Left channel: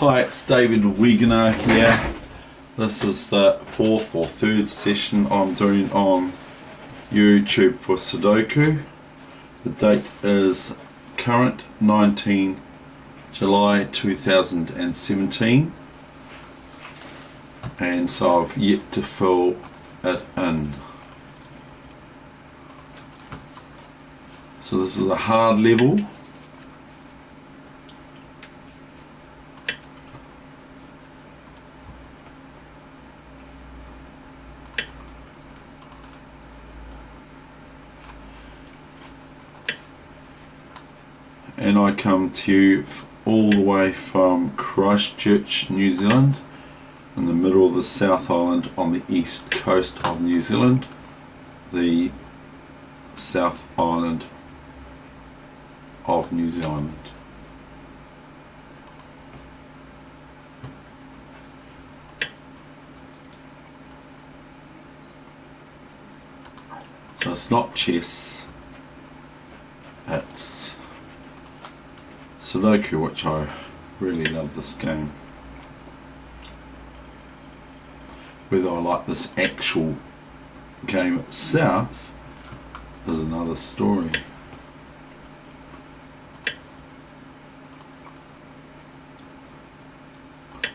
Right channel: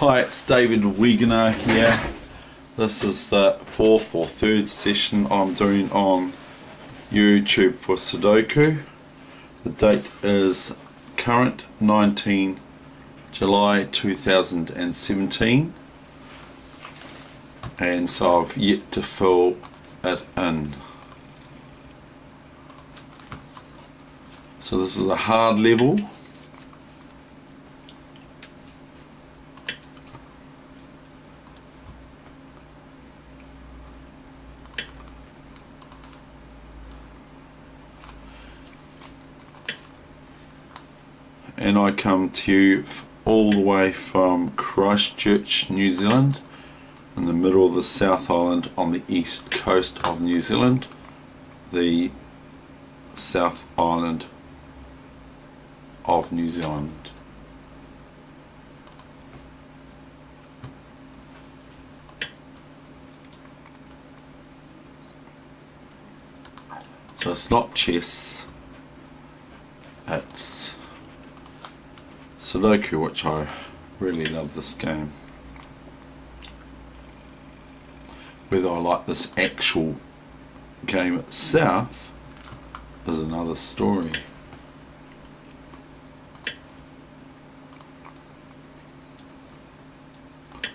Hi, it's David Weegenaar here. This is the fourth or third session I'm doing on YouTube for Sudoku. The date is current 19 July 2017, and so I've yet to fill it in. So this is a hard level. And I come to you all the way from Christchurch, New Zealand, in the middle of the South Island on the east coast of New Zealand, the South Island of New Zealand. So it's not chess, it's Sudoku, which I really love this game. Whether I like this actual game itself is another story.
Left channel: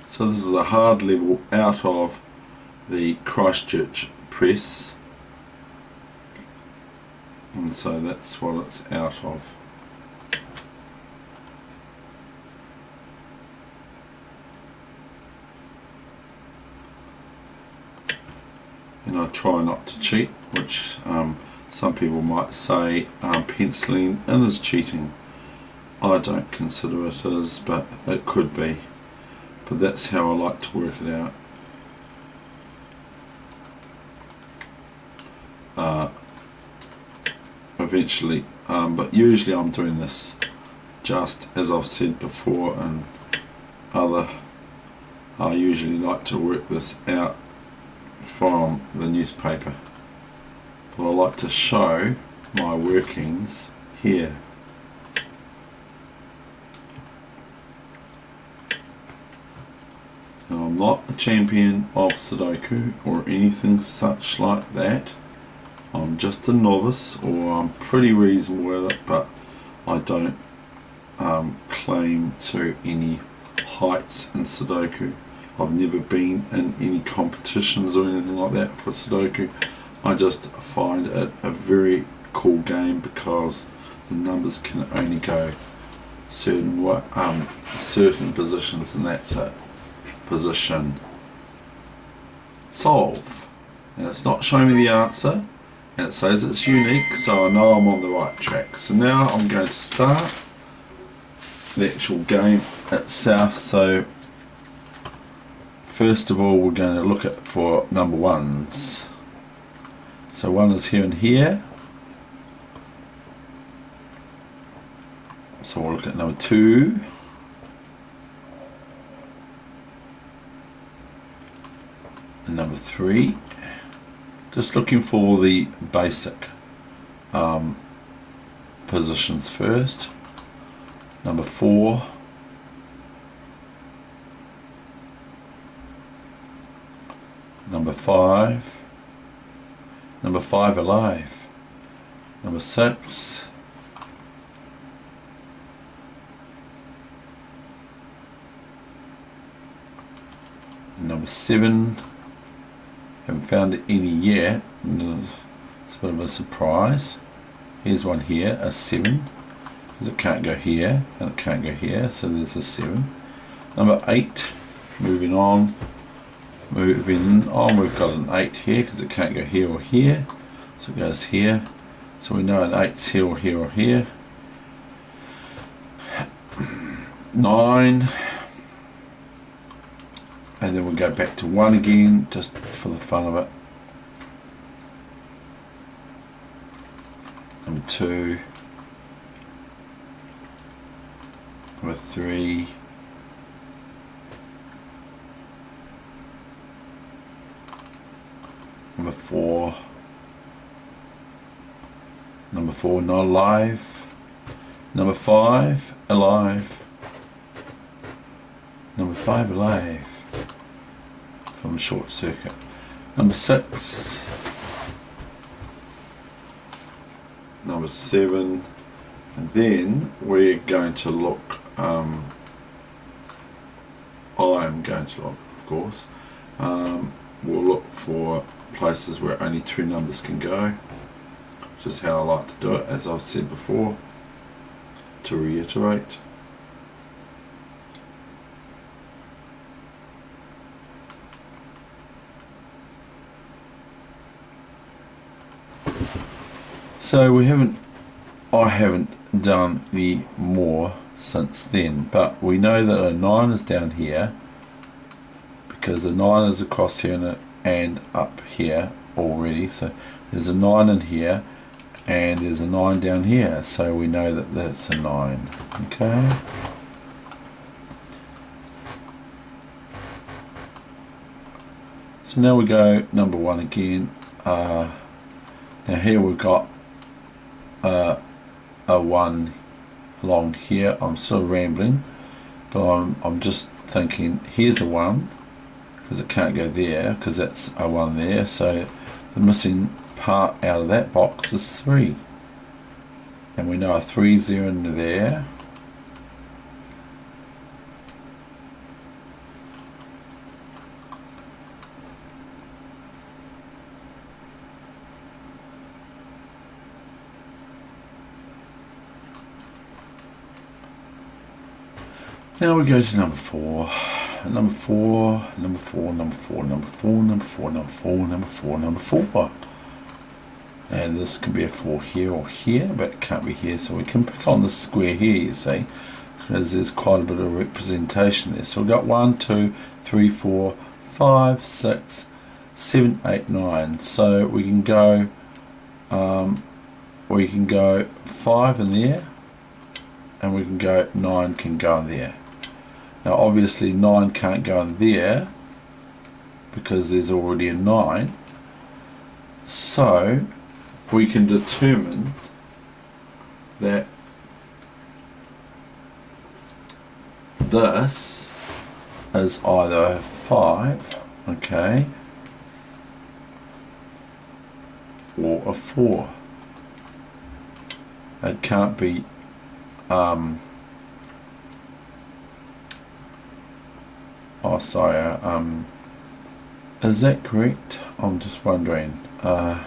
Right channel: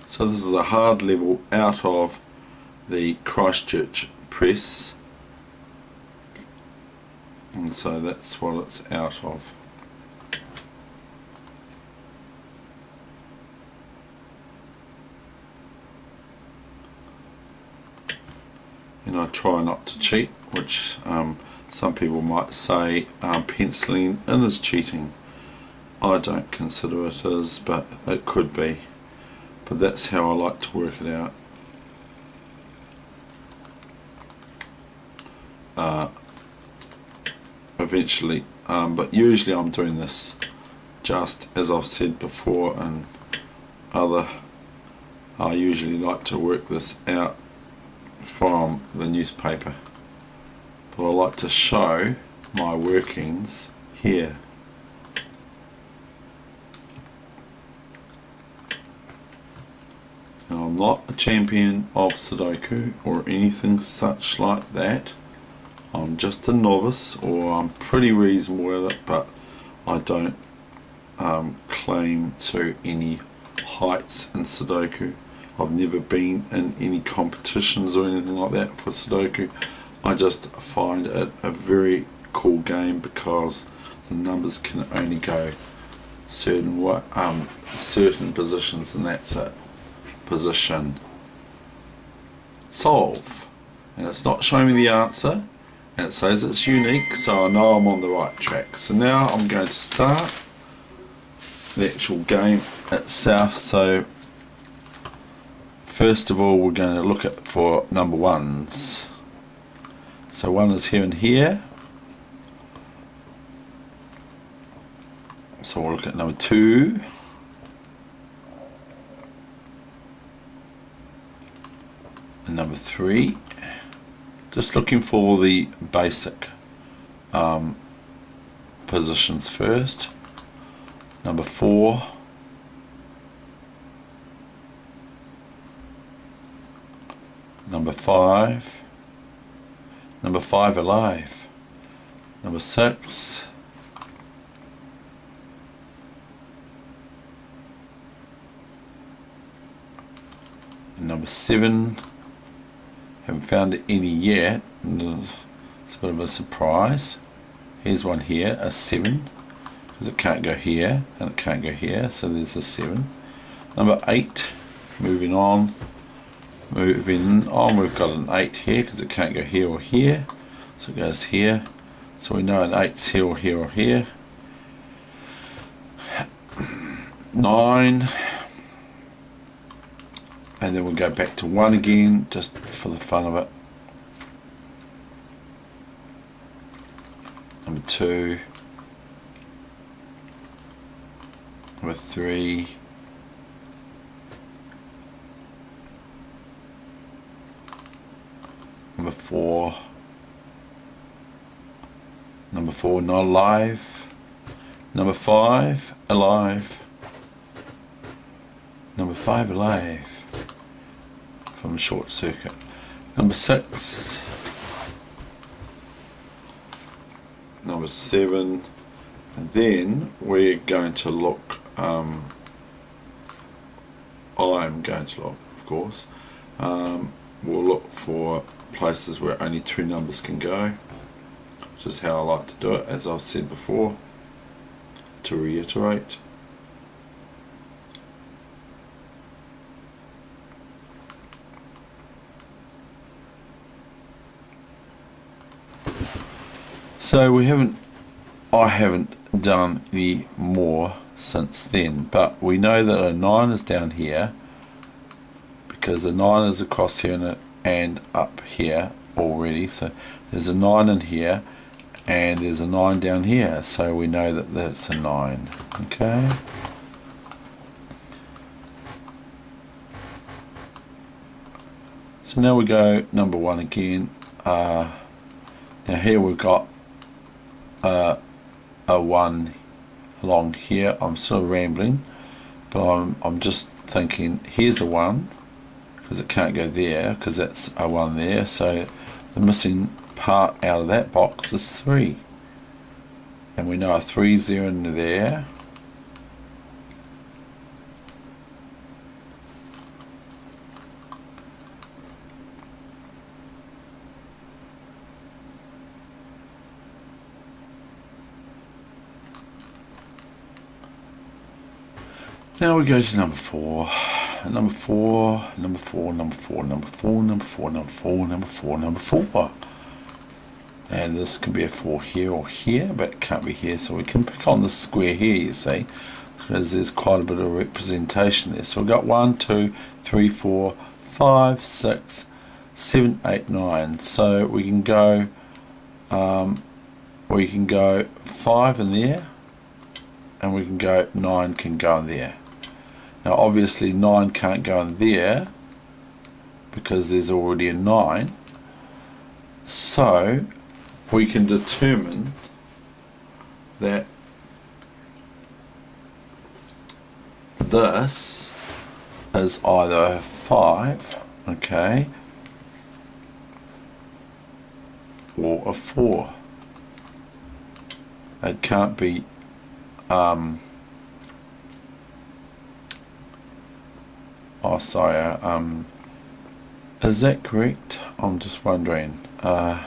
So this is a hard level out of the Christchurch press, and so that's what it's out of. And I try not to cheat, which some people might say penciling in is cheating. I don't consider it is, but it could be. But that's how I like to work it out. Eventually, but usually I'm doing this just as I've said before, and I usually like to work this out from the newspaper, but I like to show my workings here. Now, I'm not a champion of Sudoku or anything such like that. I'm just a novice, or I'm pretty reasonable with it, but I don't claim to any heights in Sudoku. I've never been in any competitions or anything like that for Sudoku. I just find it a very cool game because the numbers can only go certain positions, and that's it. Position, solve, and it's not showing me the answer, and it says it's unique, so I know I'm on the right track. So now I'm going to start the actual game itself. So first of all, we're going to look at for number ones. So one is here and here. So we'll look at number two. And number three. Just looking for the basic positions first. Number four. Number five. Number five alive. Number six. And number seven. Haven't found any yet. It's a bit of a surprise. Here's one here, a 7, because it can't go here and it can't go here, so there's a 7. Number 8. Moving on, we've got an 8 here because it can't go here or here, so it goes here. So we know an 8's here or here or here. 9. And then we'll go back to 1 again, just for the fun of it. Number 2. Number 3. Number 4. Number 4, not alive. Number 5, alive. Number 5 alive from short circuit. Number 6. Number 7. And then we're going to look, I'm going to look, of course, we'll look for places where only 2 numbers can go, which is how I like to do it, as I've said before, to reiterate. So I haven't done any more since then, but we know that a 9 is down here because a 9 is across here and up here already. So there's a 9 in here and there's a 9 down here, so we know that that's a 9. Okay. So now we go number 1 again. Now here we've got a 1 along here. I'm still rambling, but I'm just thinking here's a 1 because it can't go there because that's a 1 there, so the missing part out of that box is 3, and we know a 3's there in there. Now we go to number 4. Number 4, number 4, number 4, number 4, number 4, number 4, number 4, number 4. And this can be a 4 here or here, but it can't be here, so we can pick on the square here, you see, because there's quite a bit of representation there. So we've got 1, 2, 3, 4, 5, 6, 7, 8, 9. So we can go 5 in there, and we can go 9 can go in there. Now obviously 9 can't go in there because there's already a 9, so we can determine that this is either a 5, okay, or a 4. It can't be oh sorry, is that correct? I'm just wondering. I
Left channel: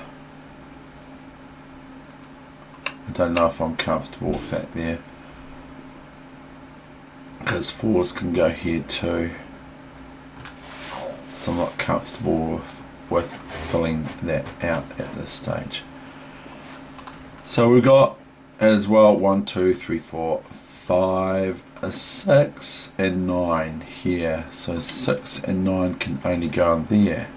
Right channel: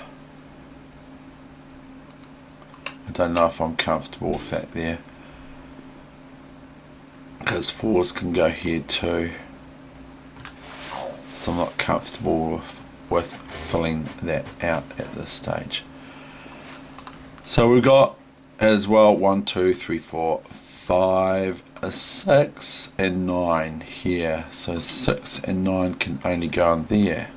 don't know if I'm comfortable with that there, because 4s can go here too, so I'm not comfortable with filling that out at this stage. So we've got as well 1, 2, 3, 4, 5, 6 and 9 here. So 6 and 9 can only go in there.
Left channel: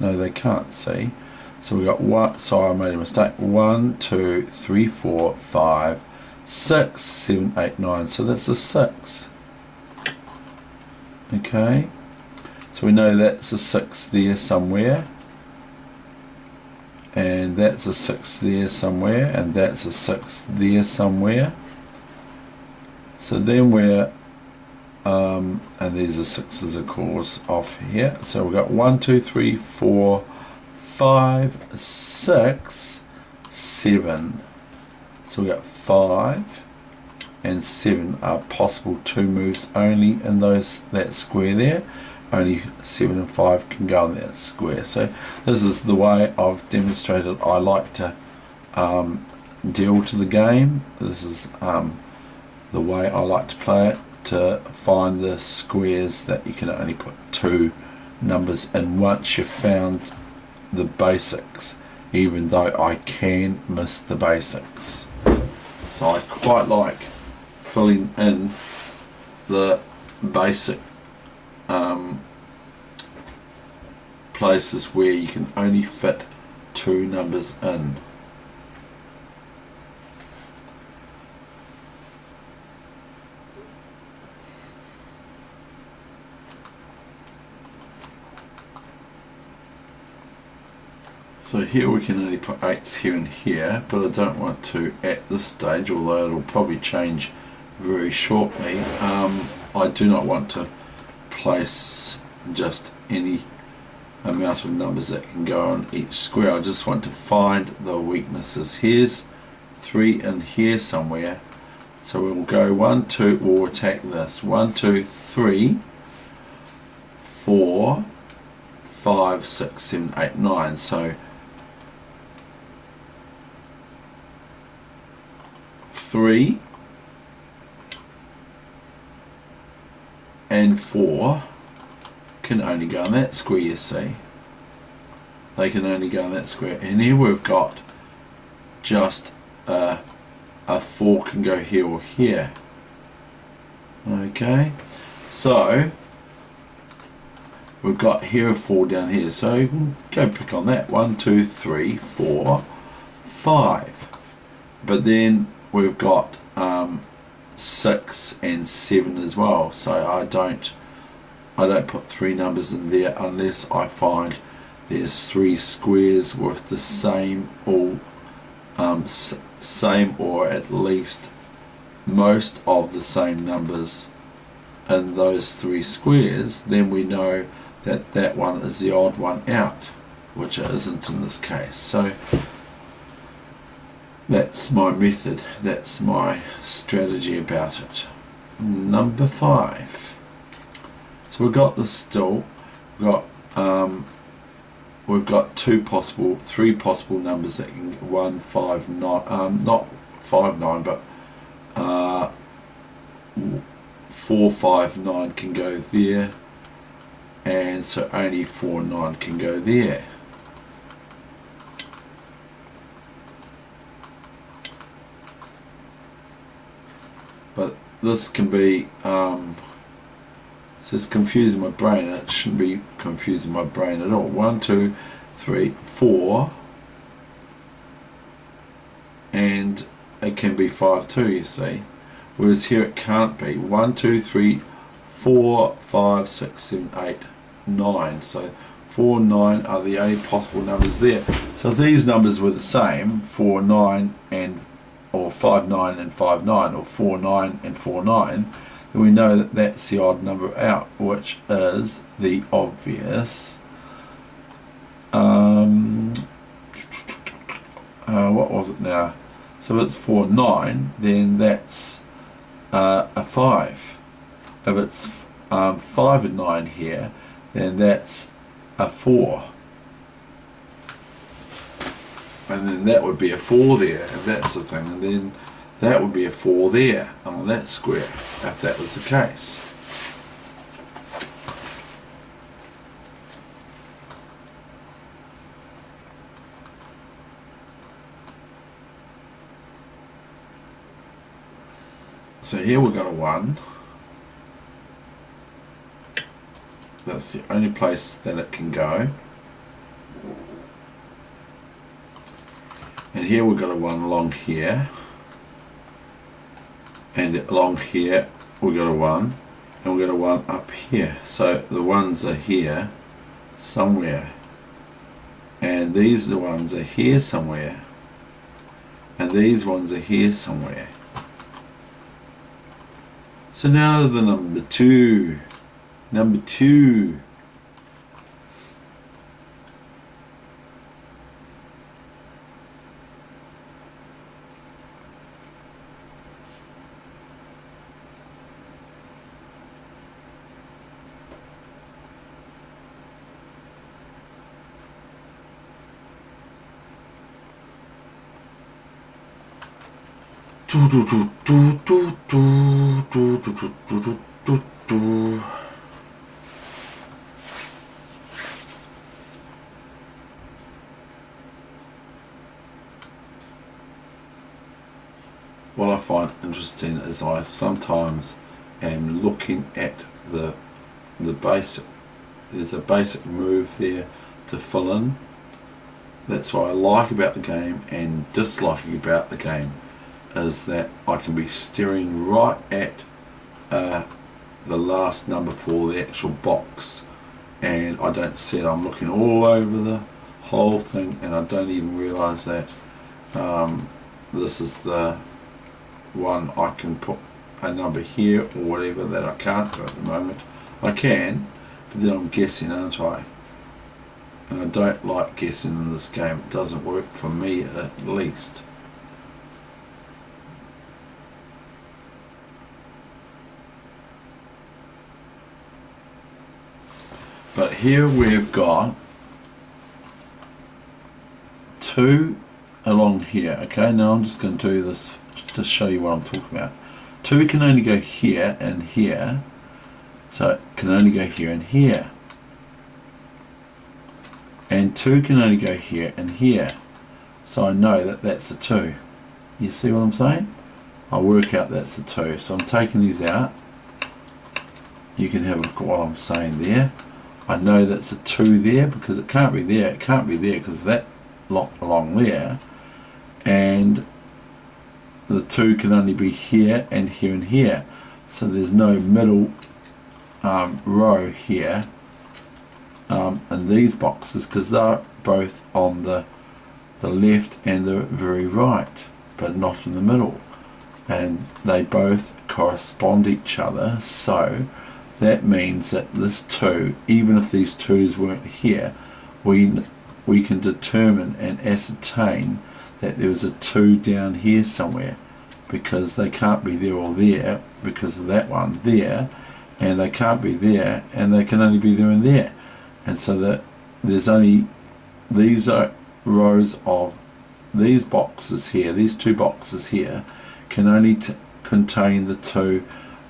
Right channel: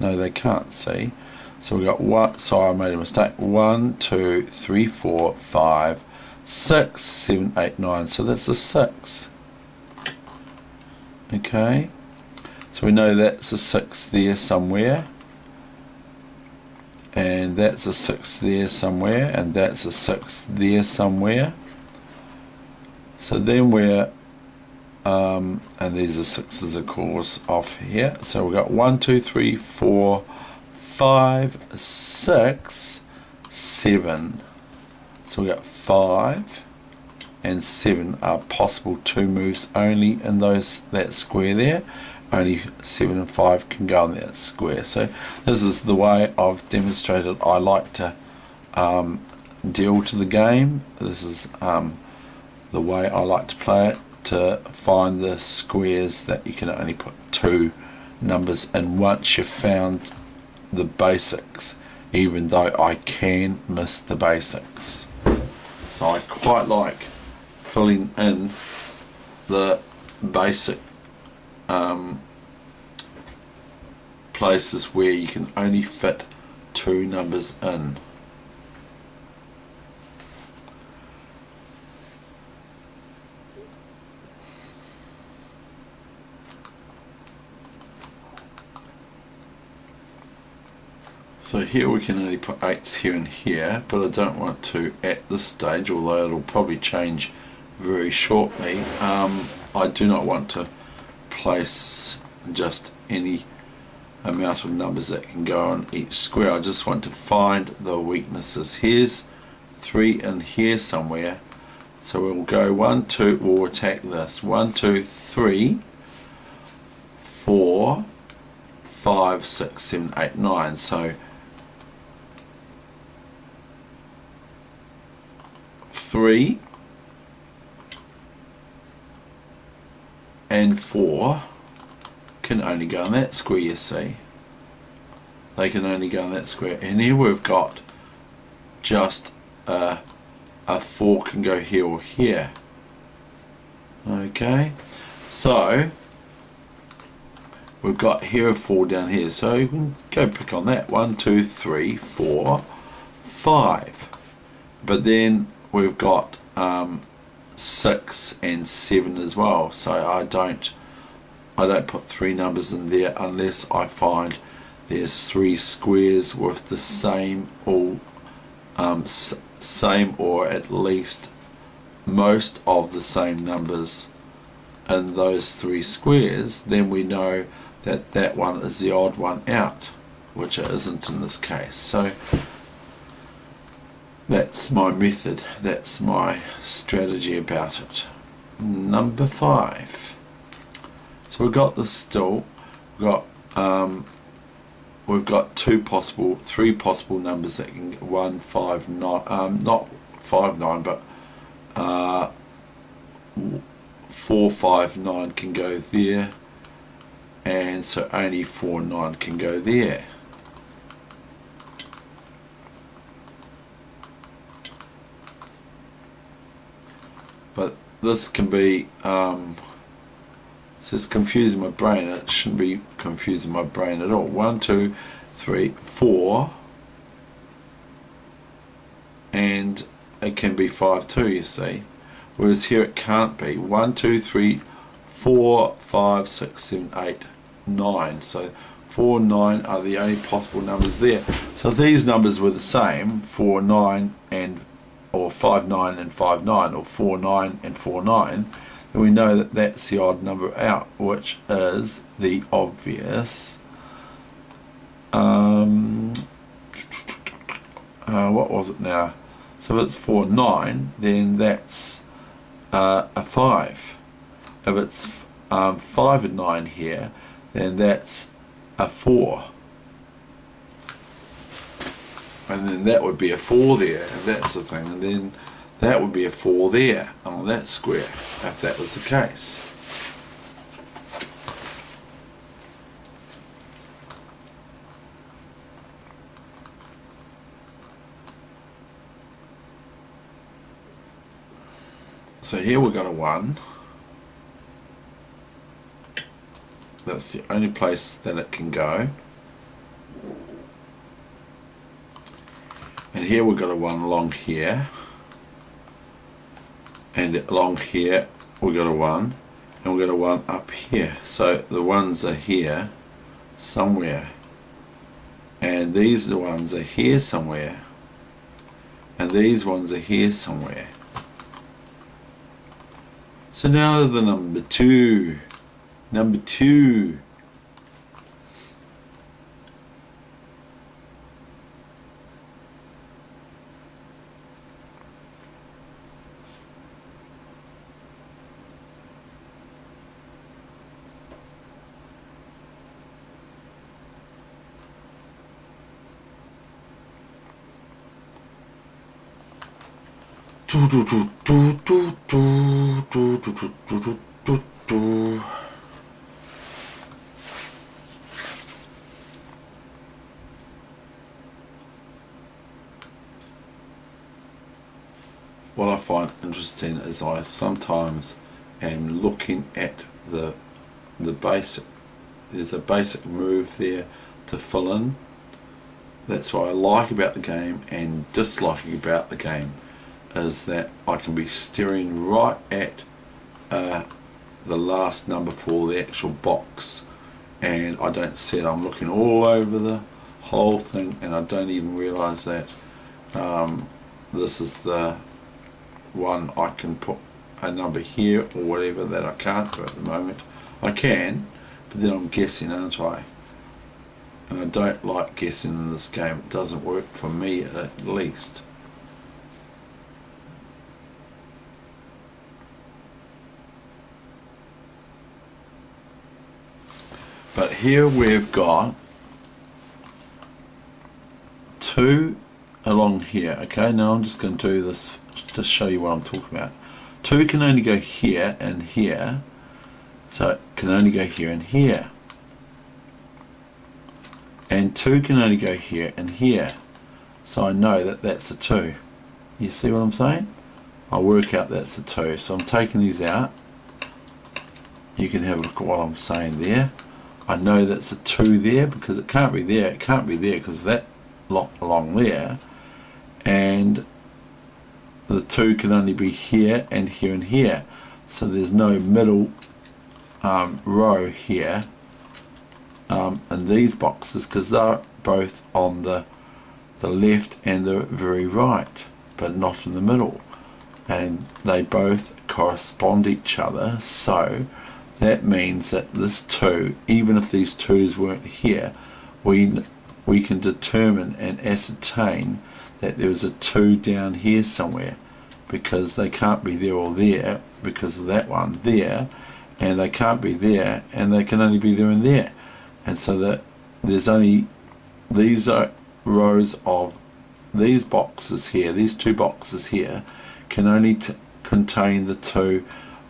No, they can't, see. So we got 1, sorry I made a mistake, 1, 2, 3, 4, 5, 6, 7, 8, 9. So that's a 6. Okay. So we know that's a 6 there somewhere. And that's a 6 there somewhere, and that's a 6 there somewhere. So then we're, and these are 6s of course off here. So we've got 1, 2, 3, 4, 5, 6, 7. So we've got 5 and 7 are possible 2 moves only in that square there. Only 7 and 5 can go in that square. So this is the way I've demonstrated I like to deal to the game. This is the way I like to play it, to find the squares that you can only put 2 numbers in once you've found the basics, even though I can miss the basics. So I quite like filling in the basic places where you can only fit 2 numbers in. So here we can only put 8s here and here, but I don't want to at this stage, although it'll probably change very shortly. I do not want to place just any amount of numbers that can go on each square. I just want to find the weaknesses. Here's 3 in here somewhere, so we'll go 1, 2, we'll attack this. 1, 2, 3, 4, 5, 6, 7, 8, 9. So 3 and 4 can only go in that square, you see. They can only go in that square. And here we've got just a 4 can go here or here. Okay, so we've got here a 4 down here, so you can go pick on that. 1, 2, 3, 4, 5. But then we've got 6 and 7 as well, so I don't put 3 numbers in there unless I find there's 3 squares with the same or at least most of the same numbers in those 3 squares. Then we know that that one is the odd one out, which it isn't in this case. So that's my method, that's my strategy about it. Number 5. So we've got this still. We've got 3 possible numbers that can 1, 5, 9. Not 5, 9, but 4, 5, 9 can go there, and so only 4, 9 can go there. But this can be so it's confusing my brain. It shouldn't be confusing my brain at all. 1, 2, 3, 4, and it can be 5 too, you see. Whereas here it can't be. 1, 2, 3, 4, 5, 6, 7, 8, 9. So 4, 9 are the only possible numbers there. So if these numbers were the same, 4, 9 and or 5, 9 and 5, 9, or 4, 9 and 4, 9, then we know that that's the odd number out, which is the obvious what was it now? So if it's 4, 9, then that's a 5. If it's 5 and 9 here, then that's a 4. And then that would be a 4 there, if that's the thing, and then that would be a 4 there on that square, if that was the case. So here we've got a 1. That's the only place that it can go. And here we've got a 1 along here. And along here we've got a 1. And we've got a 1 up here. So the 1s are here somewhere. And these are the ones are here somewhere. And these ones are here somewhere. So now the number 2. Number 2. What I find interesting is I sometimes am looking at the basic. There's a basic move there to fill in. That's what I like about the game and disliking about the game, is that I can be staring right at the last number for the actual box and I don't see it. I'm looking all over the whole thing and I don't even realise that this is the one. I can put a number here or whatever that I can't do at the moment. I can, but then I'm guessing, aren't I? And I don't like guessing in this game. It doesn't work for me at least. But here we've got 2 along here. Okay, now I'm just going to do this to show you what I'm talking about. 2 can only go here and here, so it can only go here and here. And 2 can only go here and here, so I know that that's a 2. You see what I'm saying? I'll work out that's a 2. So I'm taking these out. You can have a look at what I'm saying there. I know that's a 2 there because it can't be there. It can't be there because that lot along there, and the 2 can only be here and here and here. So there's no middle row here in these boxes because they're both on the left and the very right, but not in the middle, and they both correspond each other. So that means that this 2, even if these 2's weren't here, we can determine and ascertain that there was a 2 down here somewhere, because they can't be there or there because of that one there, and they can't be there, and they can only be there and there. And so that there's only, these are rows of these boxes here, these 2 boxes here can only contain the 2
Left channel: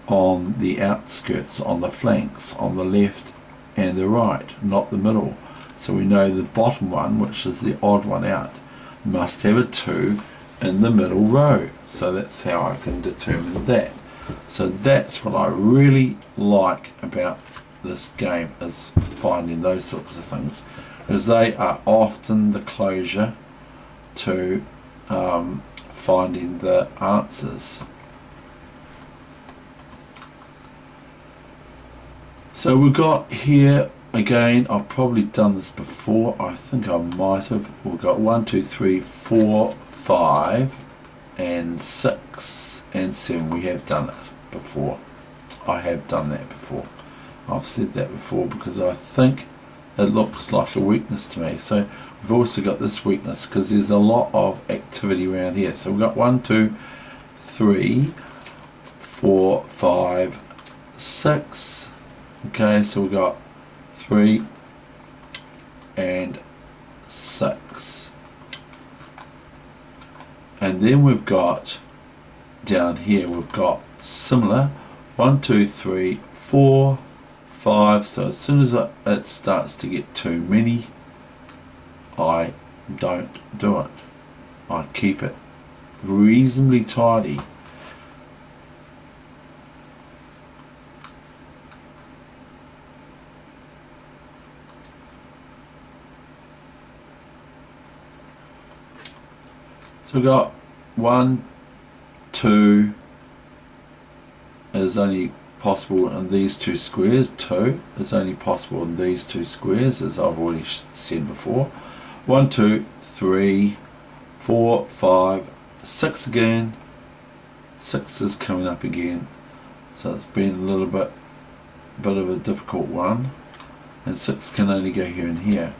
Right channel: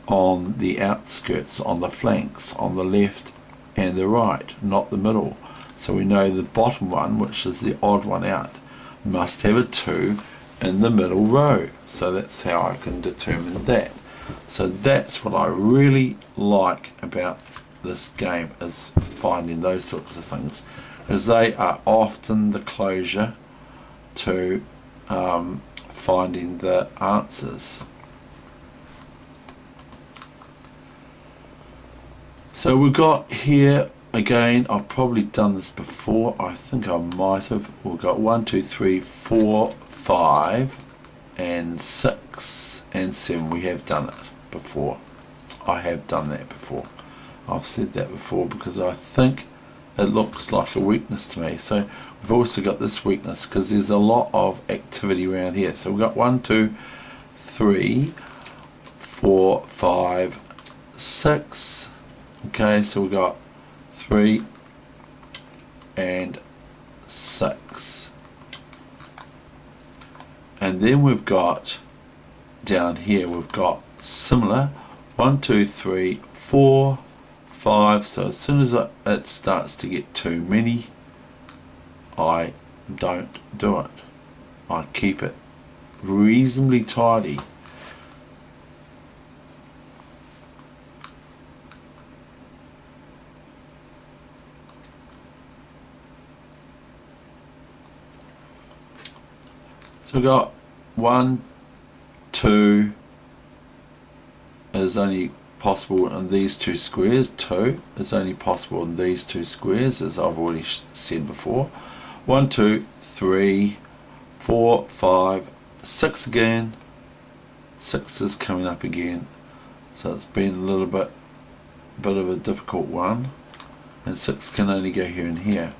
on the outskirts, on the flanks, on the left and the right, not the middle. So we know the bottom one, which is the odd one out, must have a 2 in the middle row. So that's how I can determine that. So that's what I really like about this game, is finding those sorts of things, because they are often the closure to finding the answers. So we've got here again, I've probably done this before, I think I might have. We've got 1, 2, 3, 4, 5 and 6 and 7. We have done it before. I have done that before. I've said that before because I think it looks like a weakness to me. So we've also got this weakness because there's a lot of activity around here. So we've got 1, 2, 3, 4, 5, 6. Okay, so we've got 3 and 6. And then we've got down here, we've got similar 1, 2, 3, 4, 5. So as soon as it starts to get too many, I don't do it. I keep it reasonably tidy. So we've got 1, 2 is only possible in these 2 squares. 2 is only possible in these 2 squares, as I've already said before. 1, 2, 3, 4, 5, 6 again. 6 is coming up again. So it's been a little bit of a difficult one. And 6 can only go here and here.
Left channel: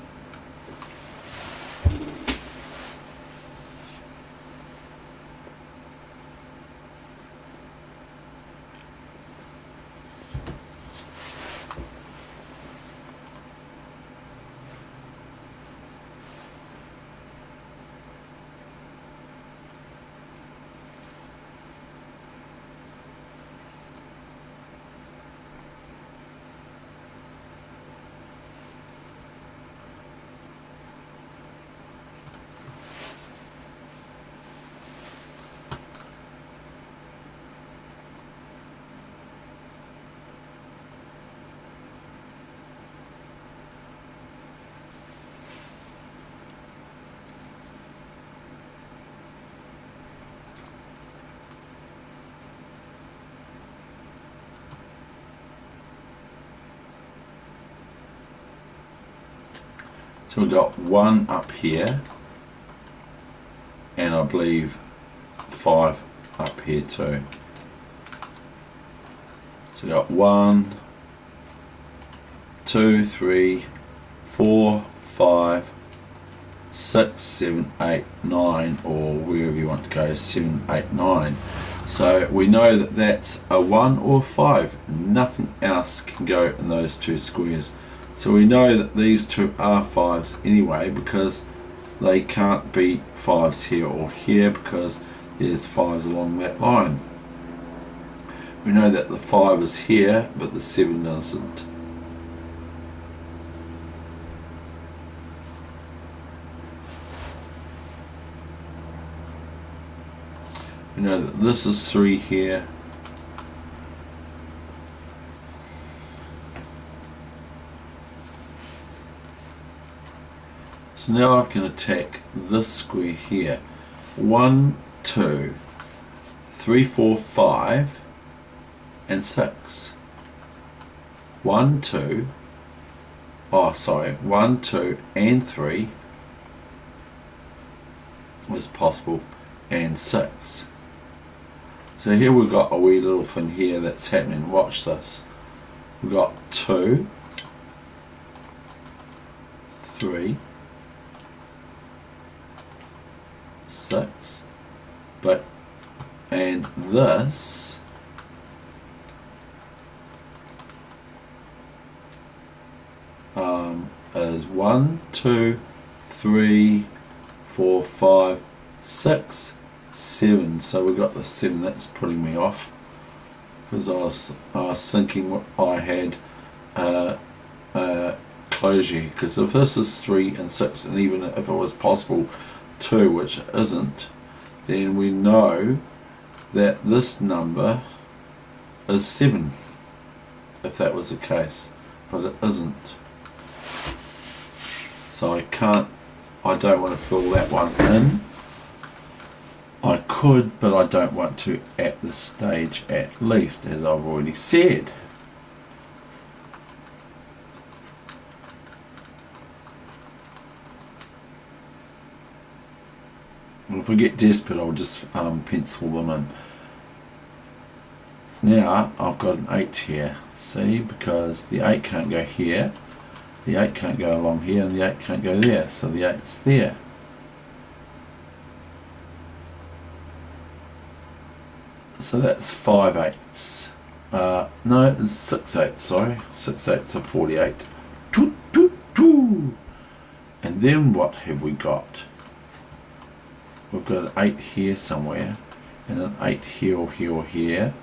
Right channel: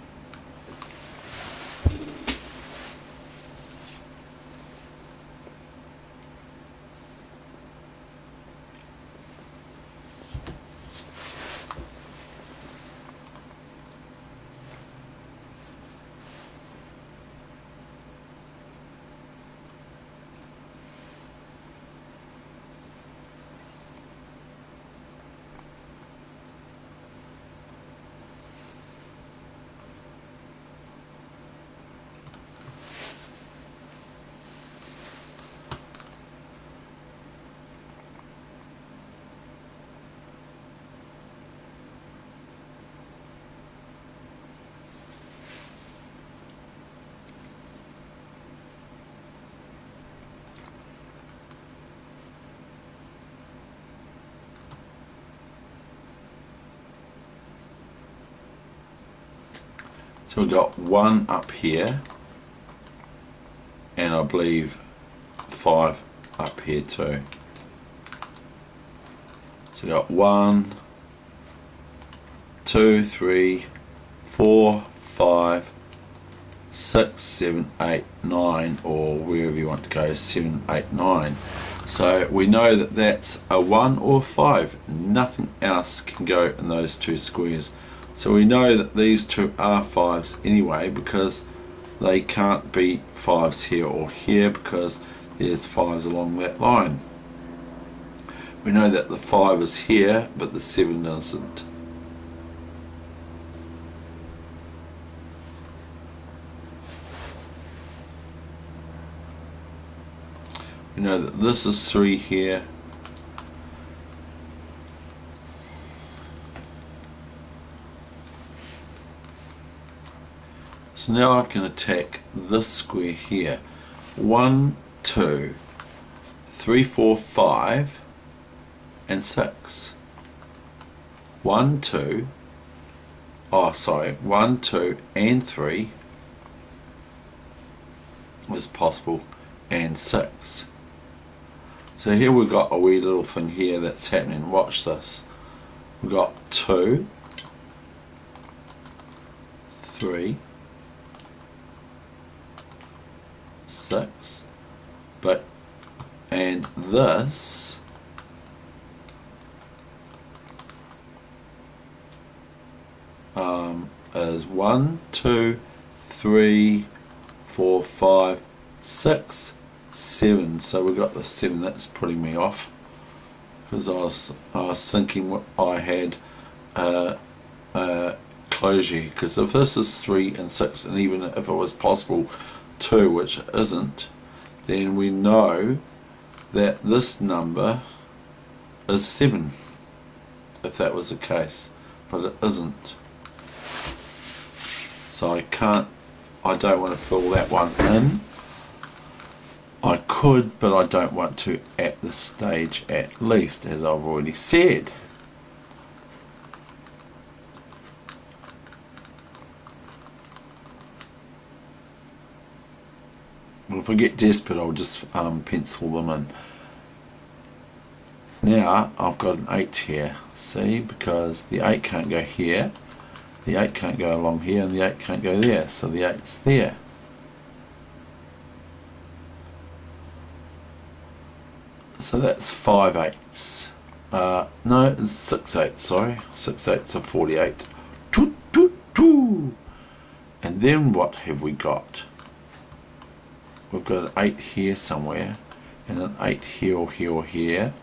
So we've got 1 up here, and I believe 5 up here too. So we've got 1, 2, 3, 4, 5, 6, 7, 8, 9, or wherever you want to go, 7, 8, 9. So we know that that's a 1 or 5. Nothing else can go in those two squares. So we know that these two are 5s anyway, because they can't be 5s here or here, because there's 5s along that line. We know that the 5 is here, but the 7 isn't. We know that this is 3 here. So now I can attack this square here. 1, 2, 3, 4, 5, and 6. 1, 2, 1, 2, and 3 is possible, and 6. So here we've got a wee little thing here that's happening. Watch this. We've got 2, 3, 6, and this is 1, 2, 3, 4, 5, 6, 7. So we got the 7. That's putting me off, because I was thinking what I had closure, because if this is 3 and 6, and even if it was possible 2, which it isn't, then we know that this number is 7, if that was the case, but it isn't. So I don't want to fill that one in. I could, but I don't want to at this stage, at least, as I've already said. Well, if I get desperate, I'll just pencil them in. Now I've got an 8 here, see, because the 8 can't go here, the 8 can't go along here, and the 8 can't go there, so the 8's there. So that's 5 8s. No, it's 6 8s, sorry. 6 8s are 48. And then what have we got? We've got an 8 here somewhere, and an 8 here or here or here,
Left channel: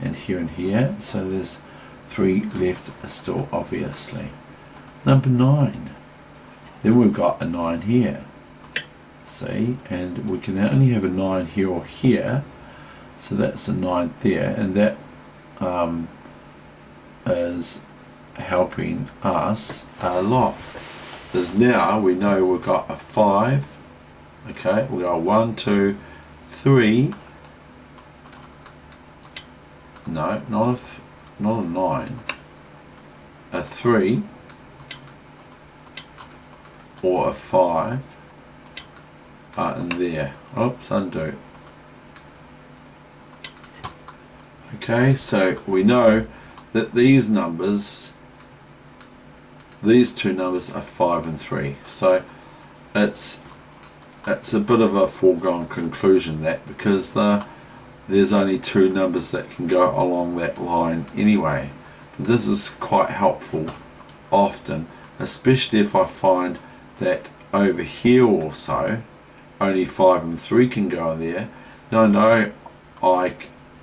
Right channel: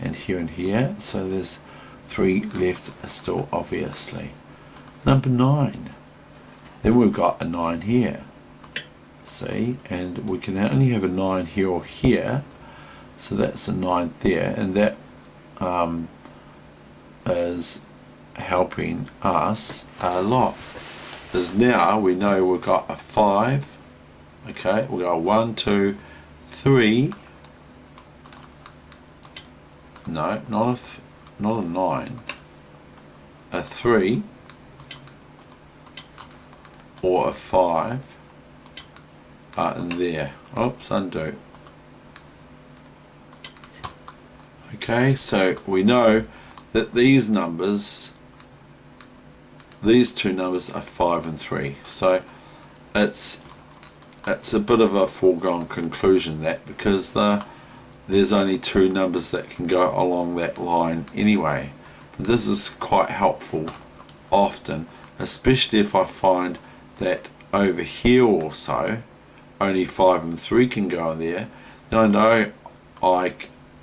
and here. So there's 3 left still, obviously. Number 9. Then we've got a 9 here. See, and we can only have a 9 here or here. So that's a 9 there, and that is helping us a lot. Because now we know we've got a 5. Okay, we've got a 1, 2, 3. No, not a 9. A 3 or a 5 are in there. Oops, undo. Okay, so we know that these numbers, these two numbers are 5 and 3. So it's a bit of a foregone conclusion, that, because there's only 2 numbers that can go along that line anyway. But this is quite helpful often, especially if I find that over here also only 5 and 3 can go in there. Then I know I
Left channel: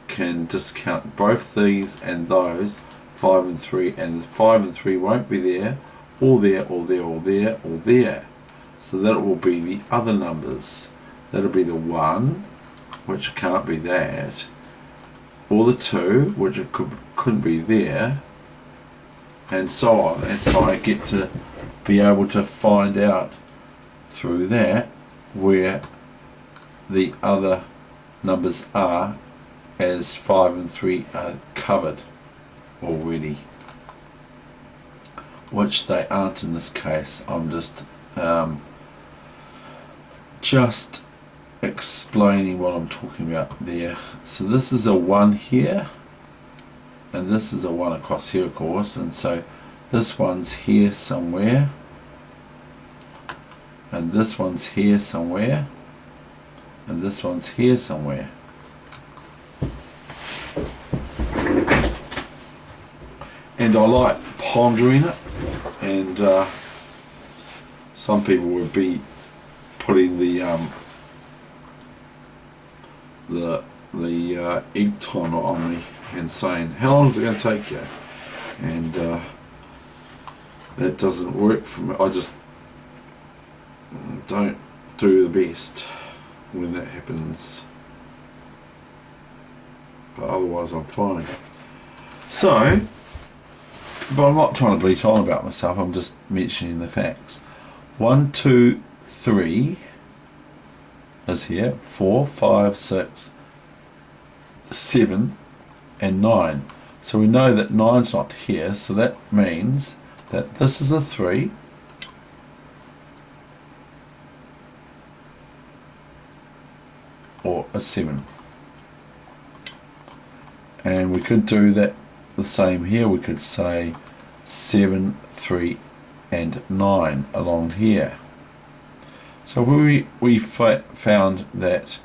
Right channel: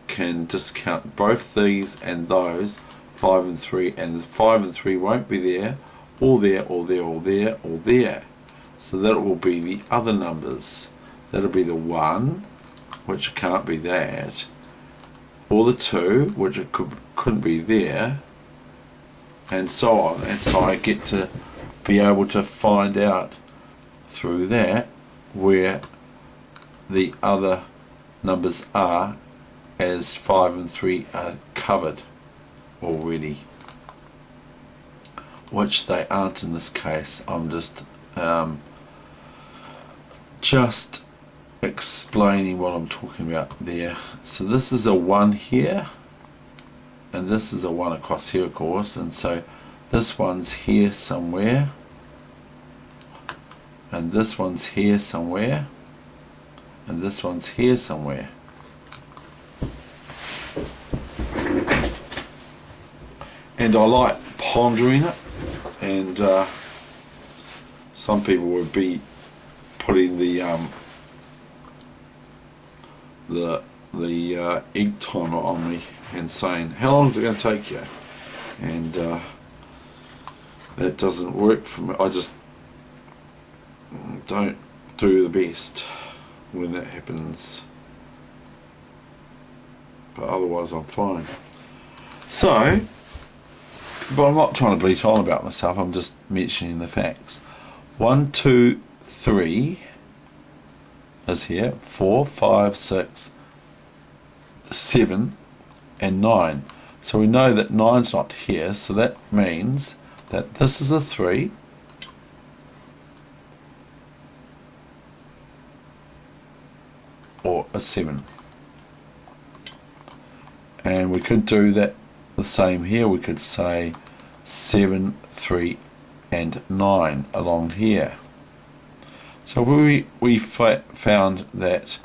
can discount both these and those, 5 and 3, and 5 and 3 won't be there, or there, or there, or there, or there. So that will be the other numbers. That'll be the 1, which can't be that, or the 2, which it couldn't be there, and so on. And so I get to be able to find out through that where the other numbers are, as 5 and 3 are covered already, which they aren't in this case. I'm just explaining what I'm talking about there. So this is a 1 here, and this is a 1 across here, of course, and so this one's here somewhere, and this one's here somewhere, and this one's here somewhere. And I like pondering it, and some people would be putting the egg timer on me and saying, how long is it going to take you? And that doesn't work for me. I just don't do the best when that happens, but otherwise I'm fine. So, but I'm not trying to bleat on about myself, I'm just mentioning the facts. 1, 2, 3 is here, 4, 5, 6, 7 and 9. So we know that 9's not here, so that means that this is a 3, or a 7. And we could do that the same here. We could say 7, 3 and 9 along here. So we found that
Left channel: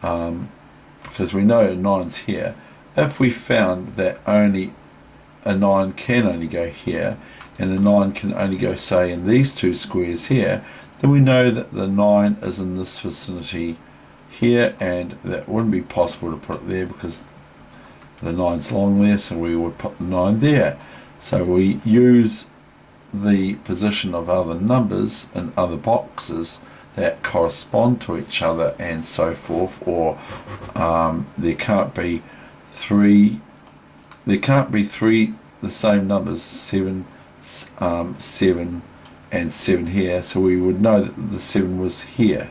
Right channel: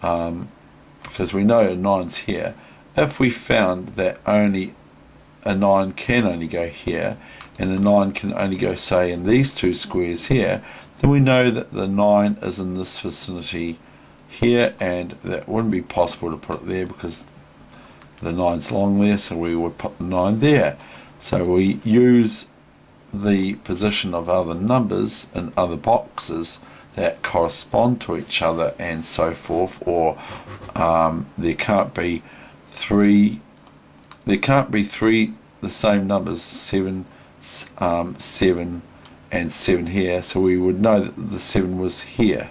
because we know 9's here, if we found that only a 9 can only go here and a 9 can only go, say, in these two squares here, then we know that the 9 is in this vicinity here, and that wouldn't be possible to put it there because the 9's along there, so we would put the 9 there. So we use the position of other numbers in other boxes that correspond to each other and so forth, or there can't be three the same numbers, 7, 7 and 7 here, so we would know that the 7 was here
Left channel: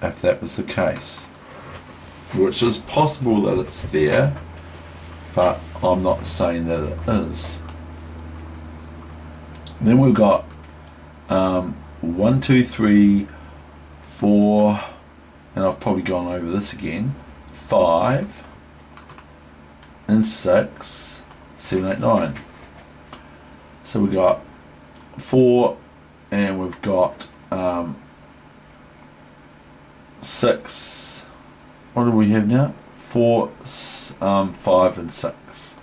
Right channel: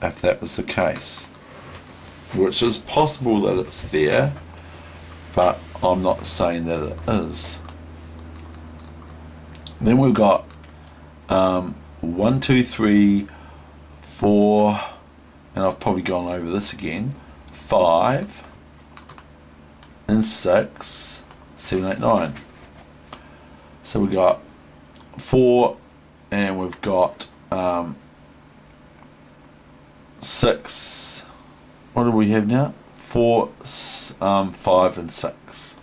if that was the case, which is possible that it's there, but I'm not saying that it is. Then we've got 1, 2, 3, 4, and I've probably gone over this again, 5 and 6, 7, 8, 9. So we've got 4 and we've got 6. What do we have now? 4, 5 and 6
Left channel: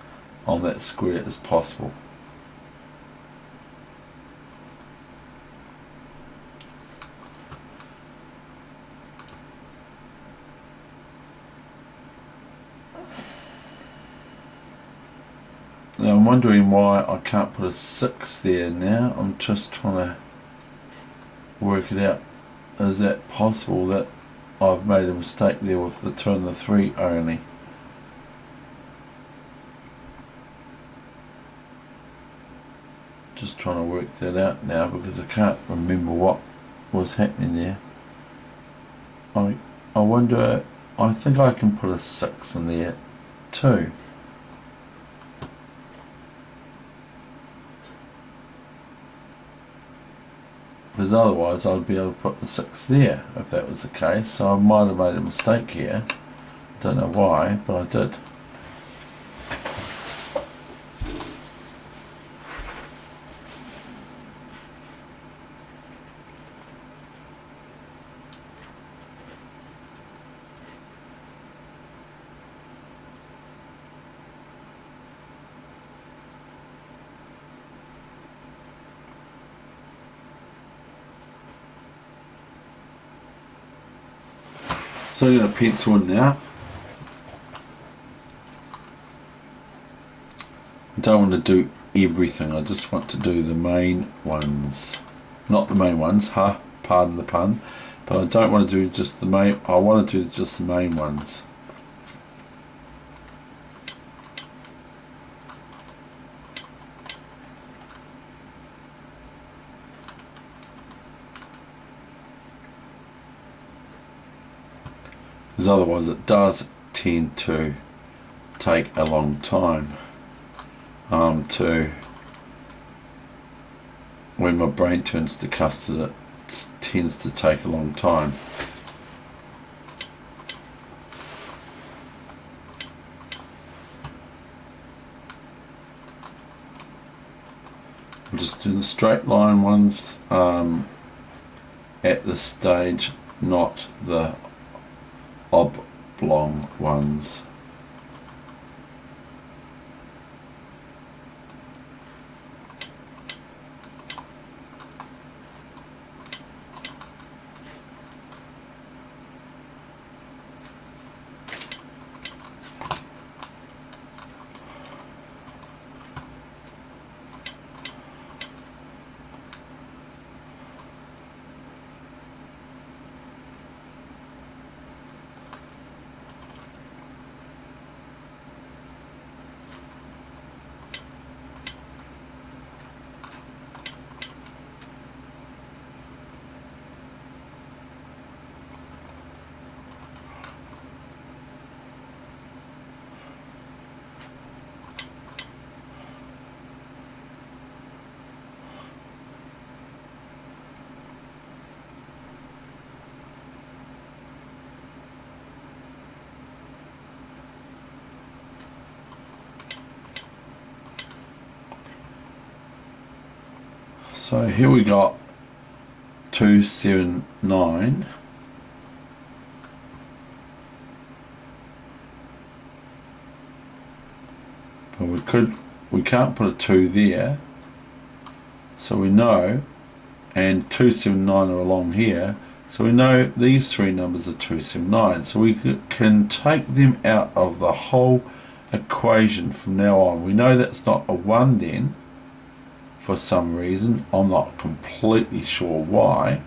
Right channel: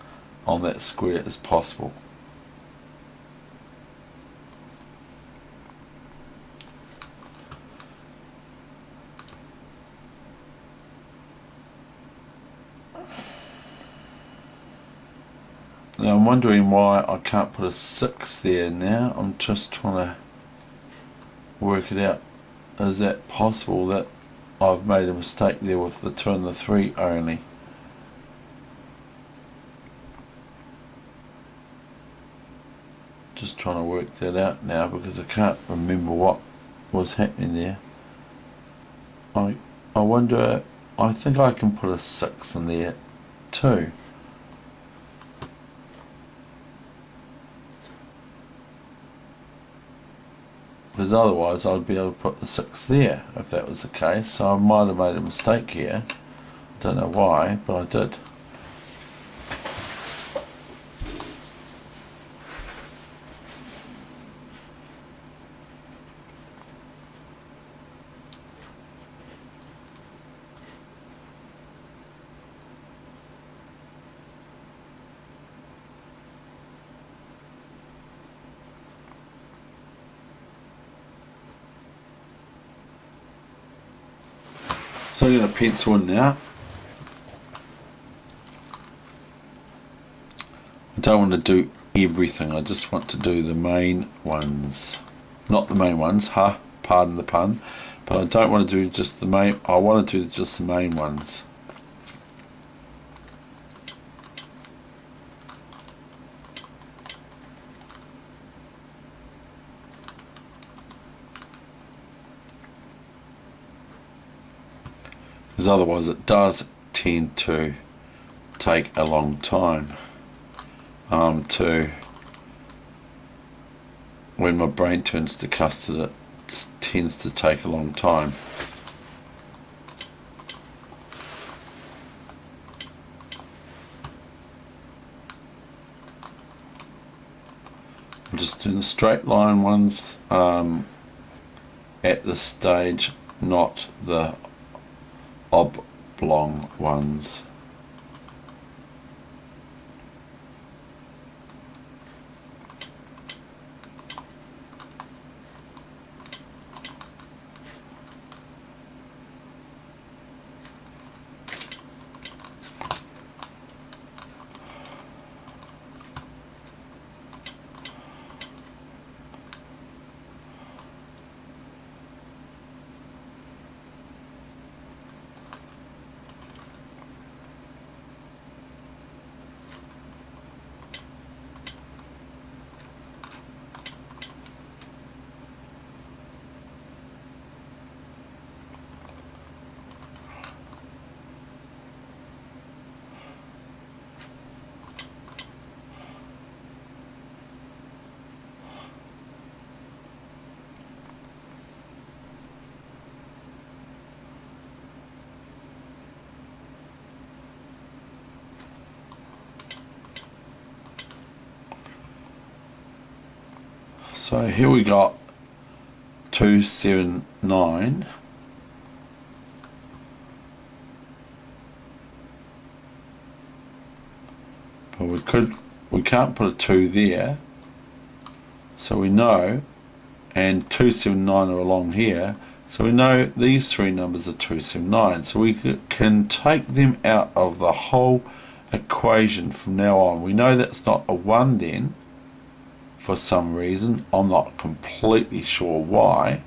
on that square is possible. Now I'm wondering why I can't put a 6 there now. I'm just trying to work it out. Is that possible that I've made a mistake there with the 2 and the 3 only? Just trying to work that out now because I can't remember what was happening there. I wonder, I think I can put a 6 in there too. Because otherwise I'd be able to put the 6 there if that was the case. So I might have made a mistake here. I don't know why, but I did. So I'm going to pencil in now. I don't want to do everything, I just want to do the main ones. Not the main ones, pardon the pun, but I don't want to do just the main, I want to do just the main ones. Because otherwise it does tend to take a long time when my brain turns to custard, it tends to take a long time. I'm just doing the straight line ones at this stage, not the oblong ones. So here we got 279. But we can't put a 2 there. So we know, and 279 are along here. So we know these three numbers are 279. So we can take them out of the whole equation from now on. We know that's not a 1 then. For some reason, I'm not completely sure why,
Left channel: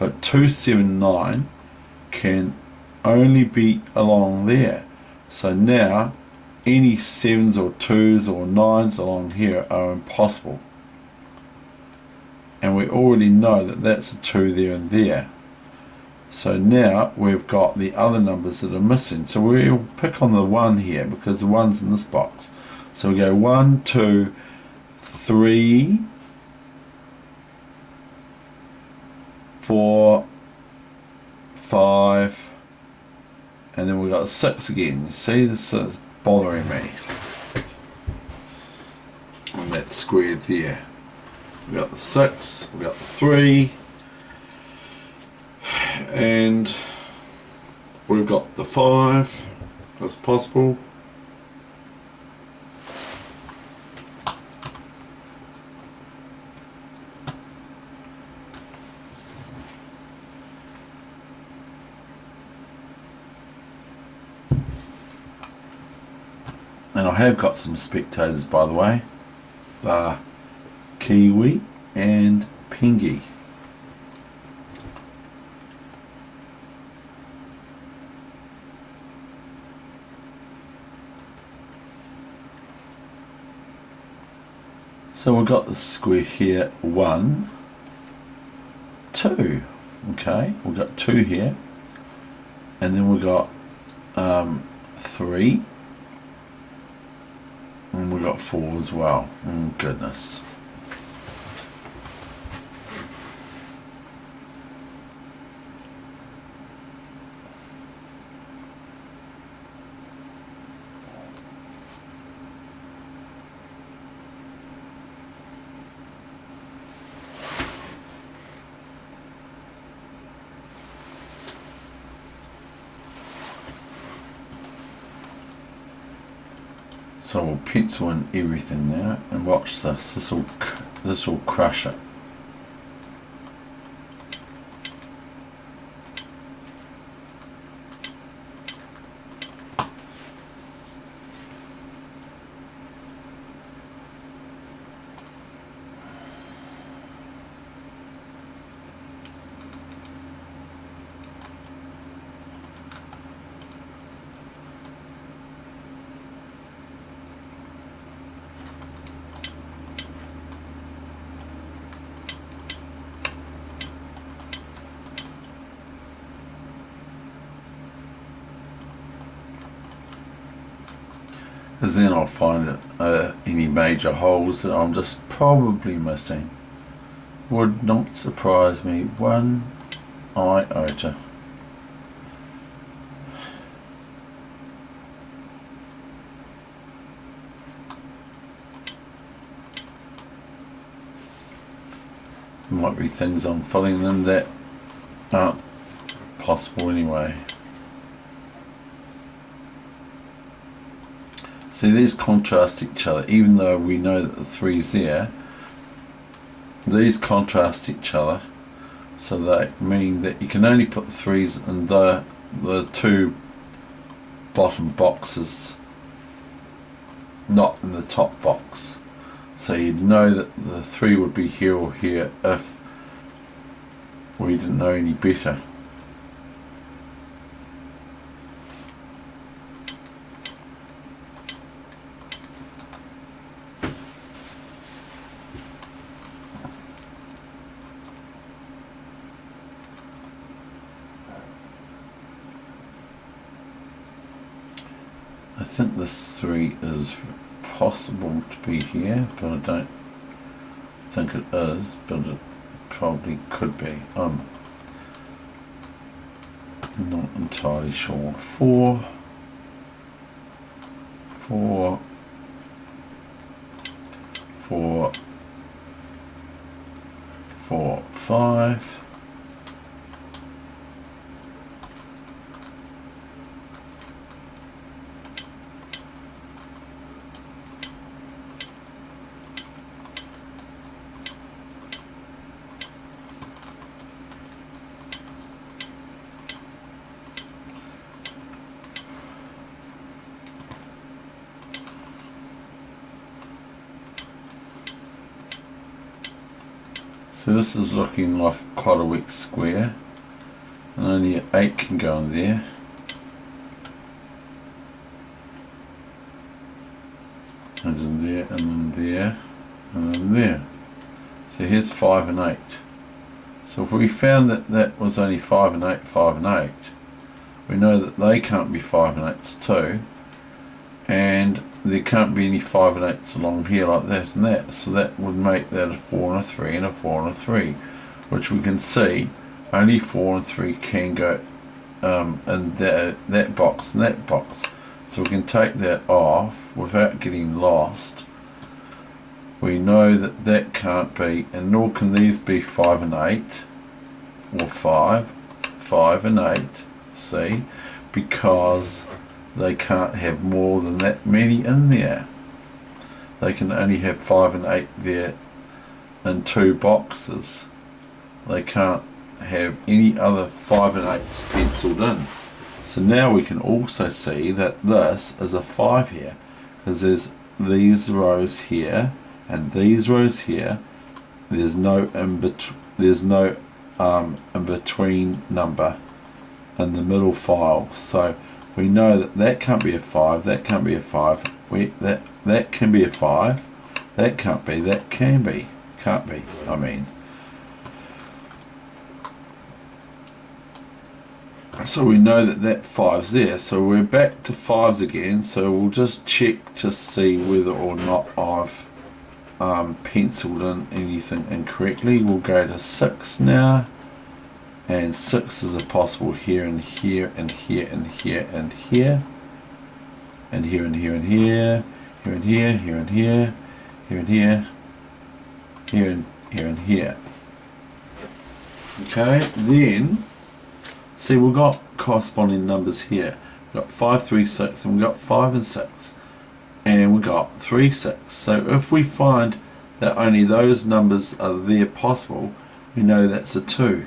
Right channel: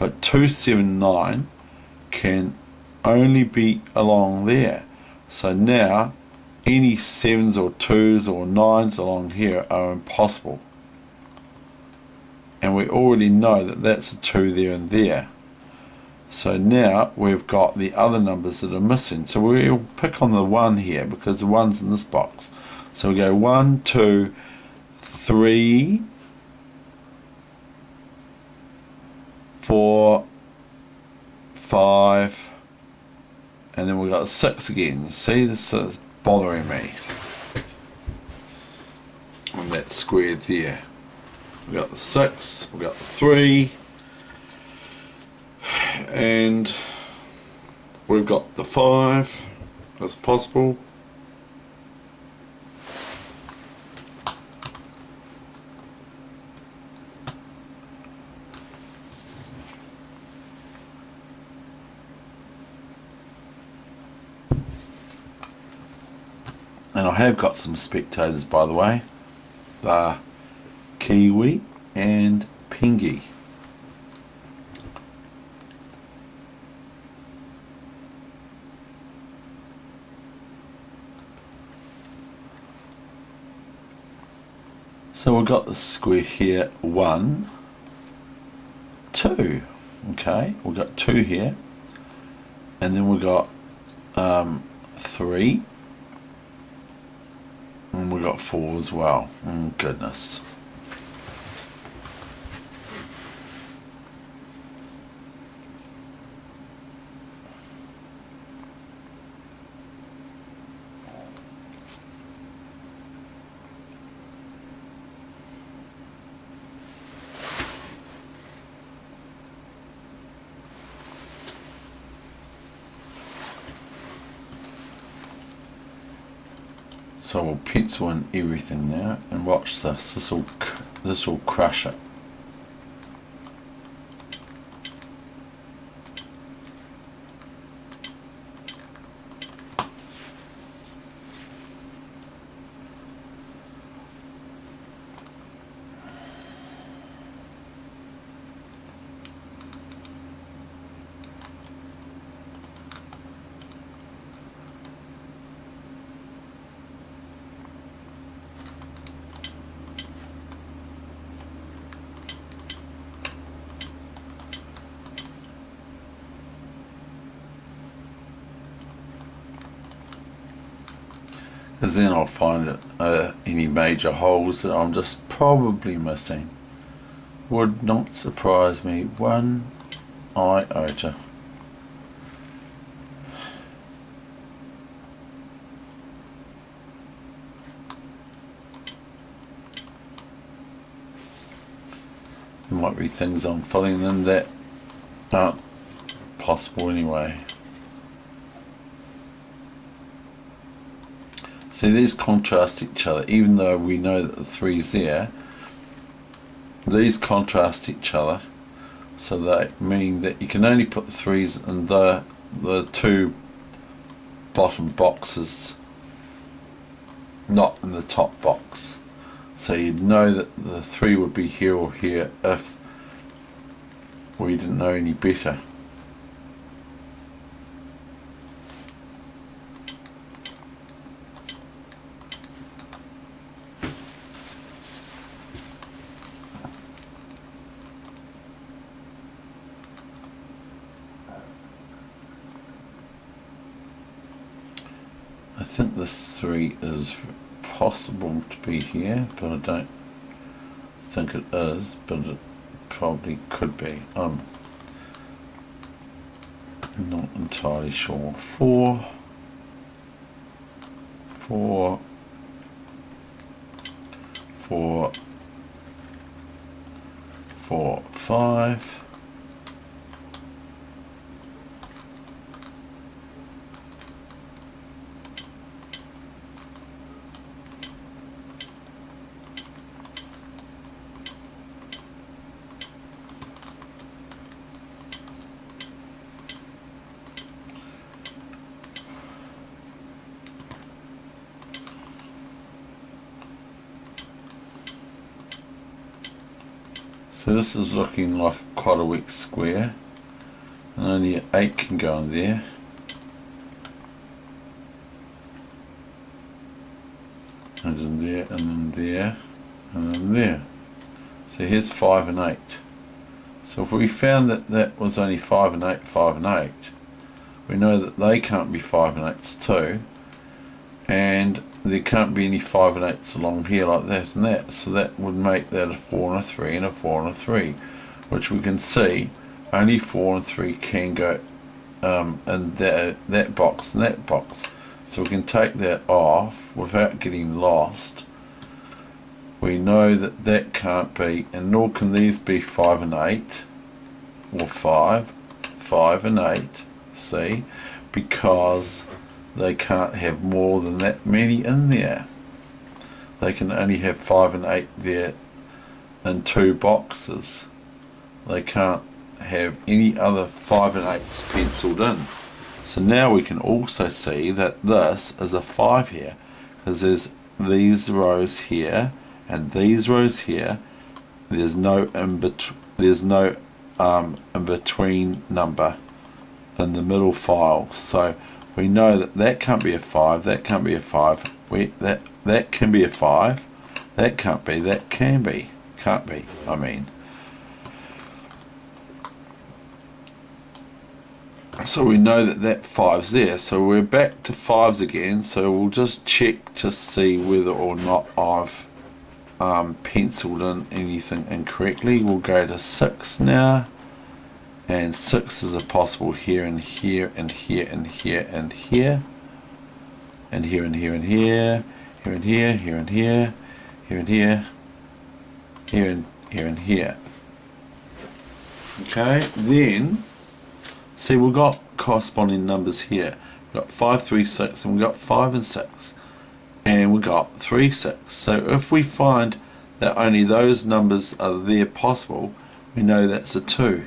but 279 can only be along there. So now any 7s or 2s or 9s along here are impossible, and we already know that that's a 2 there and there. So now we've got the other numbers that are missing. So we'll pick on the 1 here because the 1's in this box. So we go 1, 2, 3, 4, 5, and then we've got 6 again. You see, this is bothering me. And that's squared there. We've got the 6, we've got the 3, and we've got the 5 as possible. And I have got some spectators, by the way. They're Kiwi and Pingy. So we've got the square here, 1, 2. Okay, we've got 2 here, and then we've got 3, and we've got 4 as well. Oh goodness. So we'll pencil in everything now, and watch this. This will crush it. Because then I'll find any major holes that I'm just probably missing. Would not surprise me one iota. There might be things I'm filling in that aren't possible anyway. See, these contrast each other, even though we know that the 3's there. These contrast each other, so they mean that you can only put the 3's in the two bottom boxes, not in the top box. So you'd know that the 3 would be here or here if we didn't know any better. I think this 3 is possible to be here, but I don't think it is, but it probably could be. I'm not entirely sure. 4, 4, 4, 4, 5. So this is looking like quite a weak square, and only an 8 can go in there. And in there, and in there, and in there. So here's 5 and 8. So if we found that that was only 5 and 8, 5 and 8, we know that they can't be 5 and 8s too, and there can't be any 5 and 8s along here like that and that, so that would make that a 4 and a 3 and a 4 and a 3, which we can see only 4 and 3 can go in that box and that box. So we can take that off without getting lost. We know that that can't be, and nor can these be 5 and 8 or 5 and 8, see, because they can't have more than that many in there. They can only have 5 and 8 there in 2 boxes. They can't have any other 5 and 8s penciled in. So now we can also see that this is a 5 here, because there's these rows here and these rows here. There's no in between number in the middle file. So we know that that can't be a 5, that can't be a 5, that can be a 5, that can't be, that can be, can't be, I mean. So we know that that 5's there, so we're back to 5's again, so we'll just check to see whether or not I've penciled in anything incorrectly. We'll go to 6 now. And 6 is a possible here and here and here and here and here and here and here and here, here and here, here and here, here and here, here and here and here. Okay, then see we've got corresponding numbers here. We've got 5, 3, 6, and we've got 5 and 6, and we've got 3, 6. So if we find that only those numbers are there possible, we know that's a 2.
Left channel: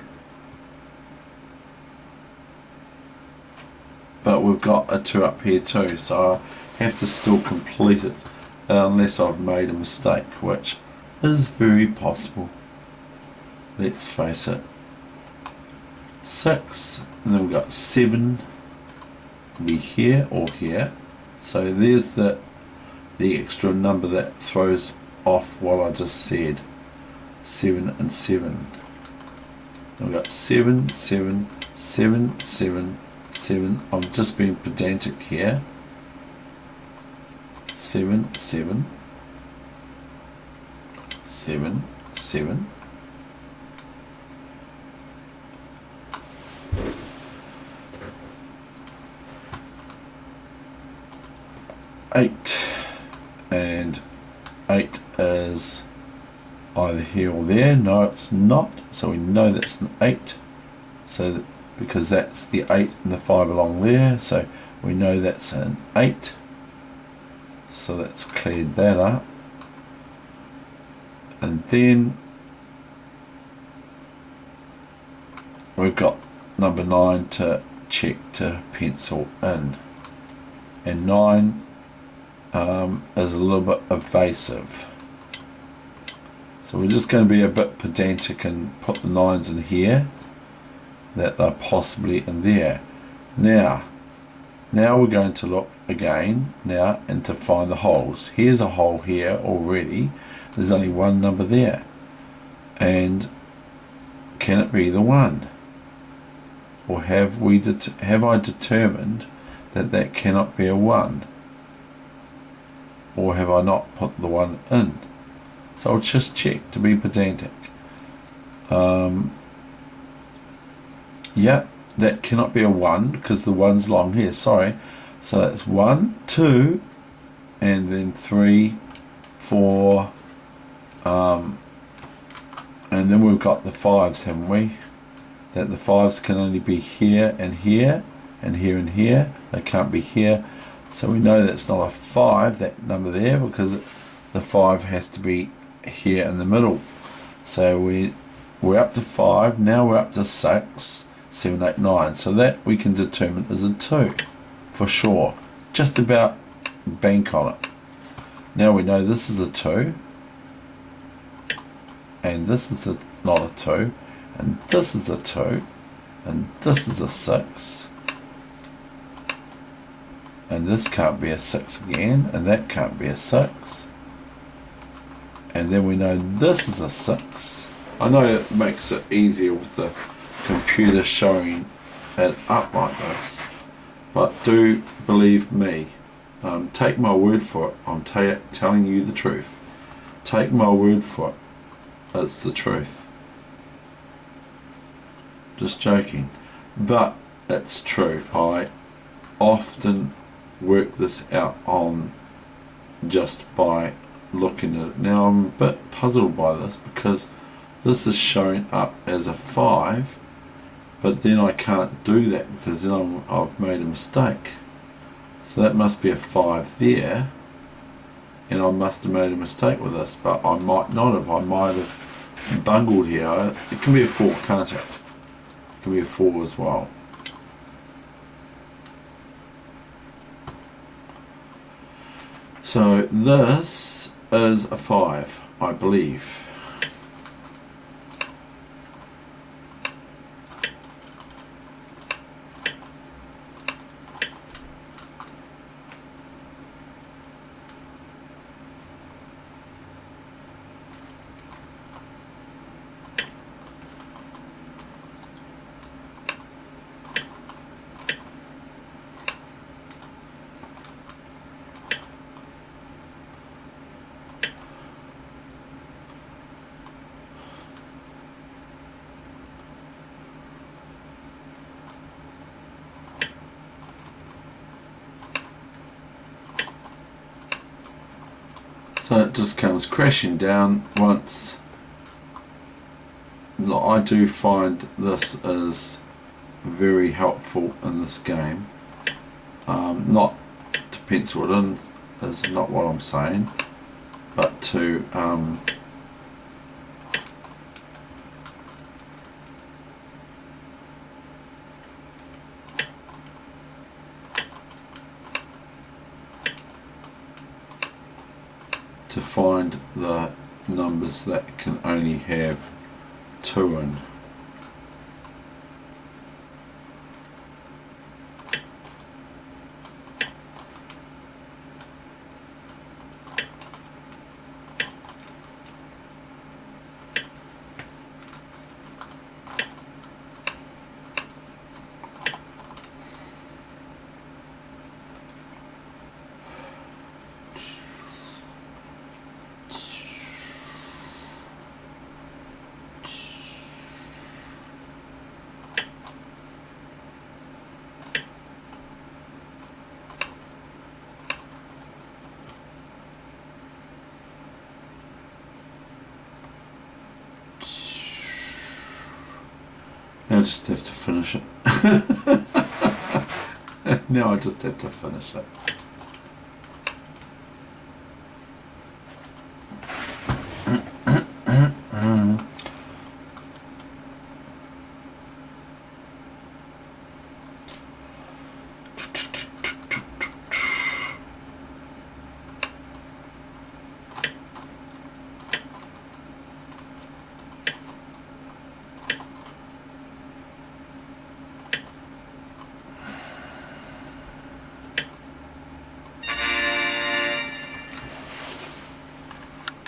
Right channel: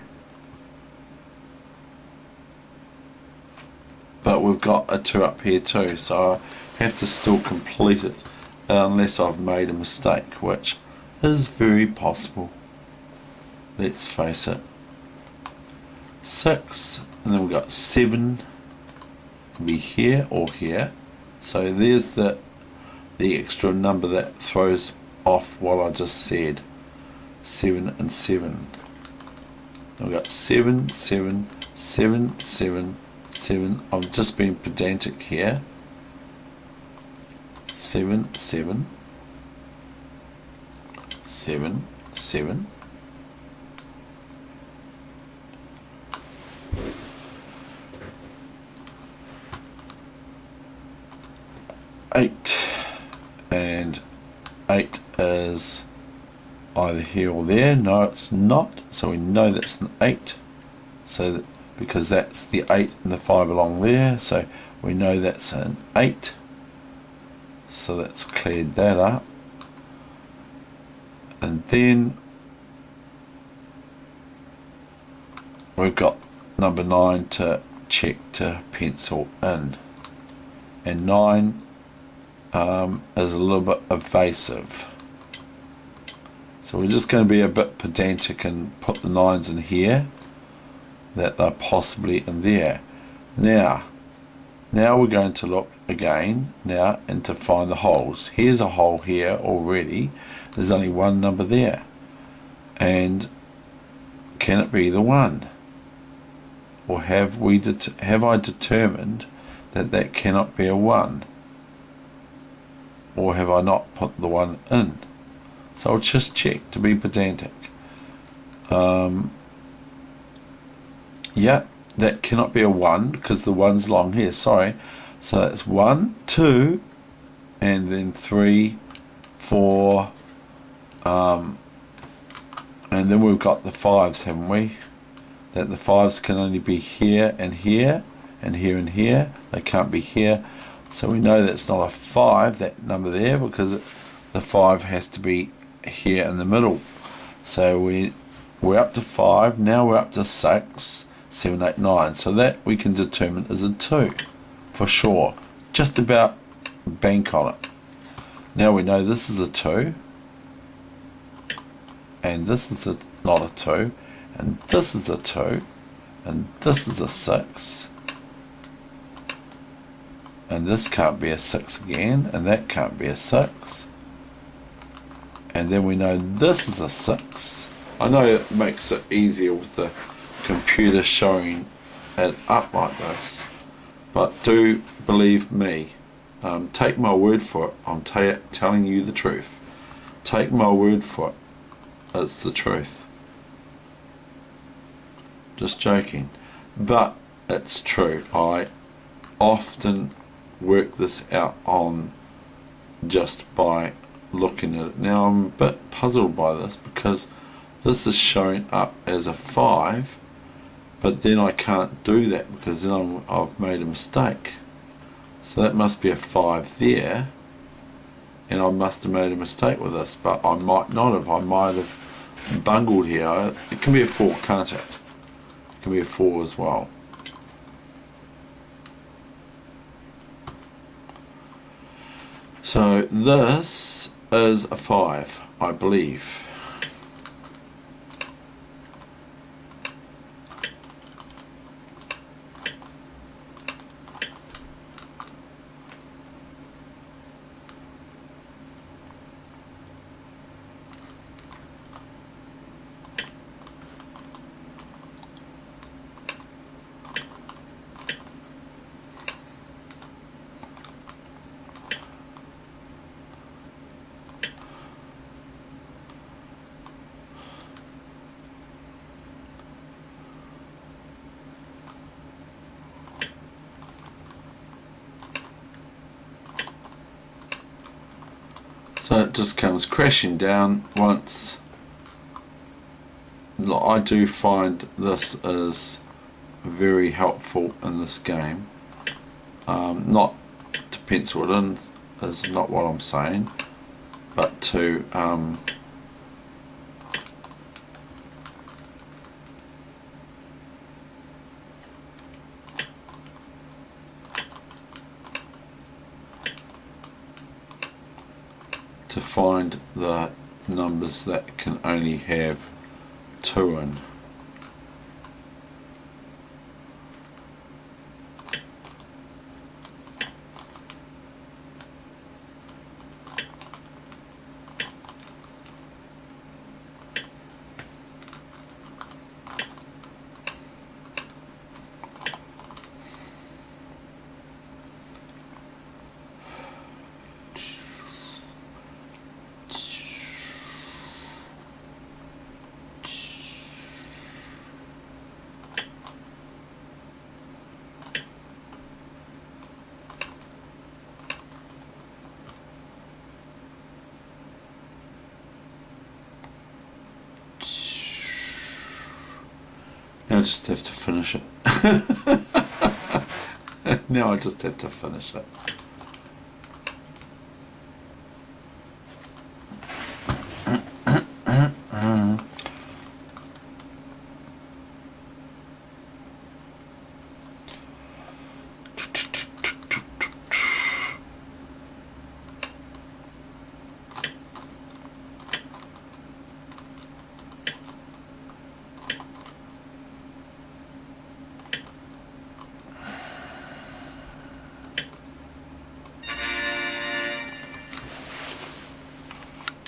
But we've got a 2 up here too, so I have to still complete it unless I've made a mistake, which is very possible. Let's face it. 6, and then we've got 7 be here or here, so there's the extra number that throws off what I just said. 7 and 7. Then we've got 7, 7, 7, 7, 7. I've just been pedantic here. 7, 7, 7, 7. 8, and 8 is either here or there. No, it's not. So we know that's an 8. So that, because that's the 8 and the 5 along there, so we know that's an 8. So that's cleared that up. And then we've got number 9 to check to pencil in. And 9 is a little bit evasive. So we're just going to be a bit pedantic and put the 9s in here, that they're possibly in there. Now we're going to look again now and to find the holes. Here's a hole here already. There's only one number there. And can it be the 1? Or have I determined that that cannot be a 1? Or have I not put the 1 in? So I'll just check to be pedantic. Yeah, that cannot be a 1 because the 1's long here, sorry. So that's 1, 2, and then 3, 4, and then we've got the 5s, haven't we? That the 5s can only be here and here, and here and here. They can't be here. So we know that's not a 5, that number there, because the 5 has to be here in the middle. So we're up to 5, now we're up to 6, 7, 8, 9. So that we can determine is a 2 for sure. Just about bank on it. Now we know this is a 2, and this is not a 2, and this is a 2, and this is a 6, and this can't be a 6 again, and that can't be a 6, and then we know this is a 6. I know it makes it easier with the computer showing it up like this, but do believe me, take my word for it. I'm telling you the truth. Take my word for it. It's the truth. Just joking, but it's true. I often work this out on just by looking at it. Now I'm a bit puzzled by this because this is showing up as a 5, but then I can't do that because then I've made a mistake. So that must be a 5 there, and I must have made a mistake with this, but I might not have. I might have bungled here. It can be a 4, can't it? It can be a 4 as well. So this is a 5, I believe. So it just comes crashing down once. I do find this is very helpful in this game. Not to pencil it in is not what I'm saying, but to find the numbers that can only have 2 in. I just have to finish it. Now I just have to finish it.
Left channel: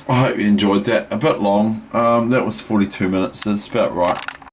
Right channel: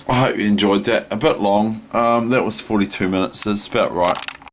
I hope you enjoyed that. A bit long. That was 42 minutes. That's about right.